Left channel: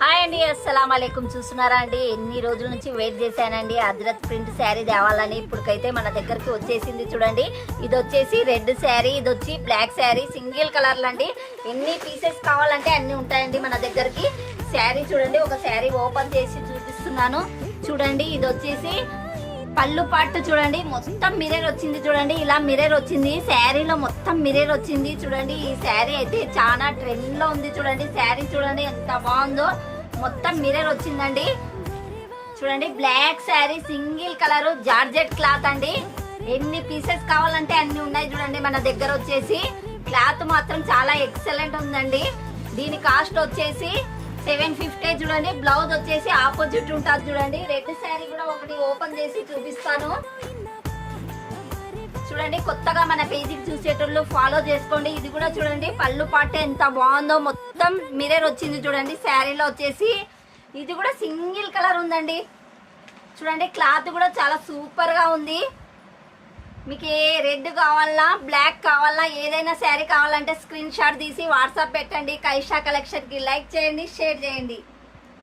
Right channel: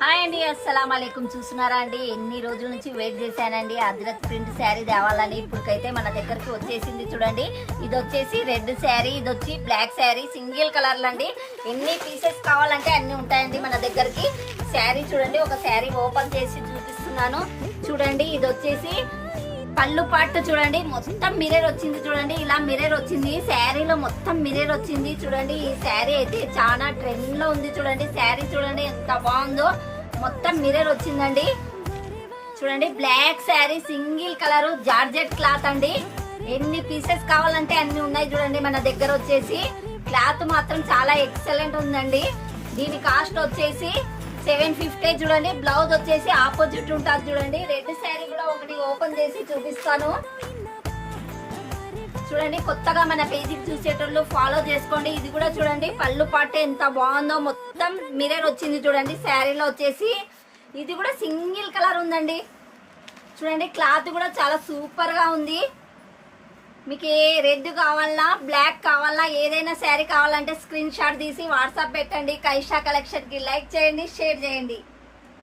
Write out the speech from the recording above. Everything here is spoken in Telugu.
హాయ్ అండి, అస్సలం అలైకుం. చూస్తున్నారా అండి, ఎన్ని రోజుల నుంచి వెయిట్ చేశానండి అజ్రక్ ప్రింట్ శారీ తేవాలని. ఇప్పటికైతే మన దగ్గరికి వచ్చేసింది. చూడండి, ఇది వచ్చేసి రెడ్ శారీ, ఇది వచ్చి బ్లాక్ శారీ, సింగిల్ కలర్లు అండి. ఎన్ని పీసెస్ కావాలంటే అన్ని ఉంటాయండి మన దగ్గరికి. శారీ చూడండి, ఒక శారీ ఓపెన్ చేసి చూపిస్తున్నాను. చూడండి, ఇది వచ్చేసి పళ్ళు పాటు చూడండి, మొత్తం మిర్రర్ వచ్చింది. చూడండి, ఇలా మిర్రర్ వచ్చింది. శారీలో మొత్తం మిర్రర్ వచ్చింది. చూడండి, ఈ శారీ అయితే చాలా ట్రెండ్ లో ఉంది. చూడండి, శారీ చూడండి ఎంత బాగుందో, మొత్తం మిర్రర్ వచ్చిందండి. చూడండి, black sari, single colour, georgette cloth అండి. ఎన్ని పీసెస్ కావాలంటే అన్ని ఉన్నాయి. చూడండి, మన దగ్గర వచ్చేసి క్లాత్ మాత్రం చాలా ఎక్సలెంట్ ఉందండి. దీని కాస్ట్ వచ్చేసి 750. చూడండి, బ్లౌజ్ వచ్చేసి ఆపోజిట్ ఉంటుంది. చూడండి, రెడ్ శారీ కూడా ఒకటి ఓపెన్ చేసి చూపిస్తాను. చూడండి, కొత్తగా మన పేజీకి చూసేటోళ్ళు ఫాలో చేసుకోండి. ఇది కూడా చూడండి, పళ్ళు పాట ఎంత బాగుందో, మొత్తం మిర్రర్ వచ్చింది. చూడండి, శారీలో వచ్చేసి ఇది కూడా సింగిల్ కలర్ ఉందండి. చూడండి, క్లాత్ కూడా చాలా సూపర్ గా ఉంది. మీకు ఏ రెడ్ కావాలా, బ్లాక్ కావాలా, ఏదైనా శారీ కావాలంటే స్క్రీన్ షాట్ తీసి వాట్సాప్ పెట్టండి. కైషా కలెక్షన్ కి లైక్ చేయండి, షేర్ చేయండి.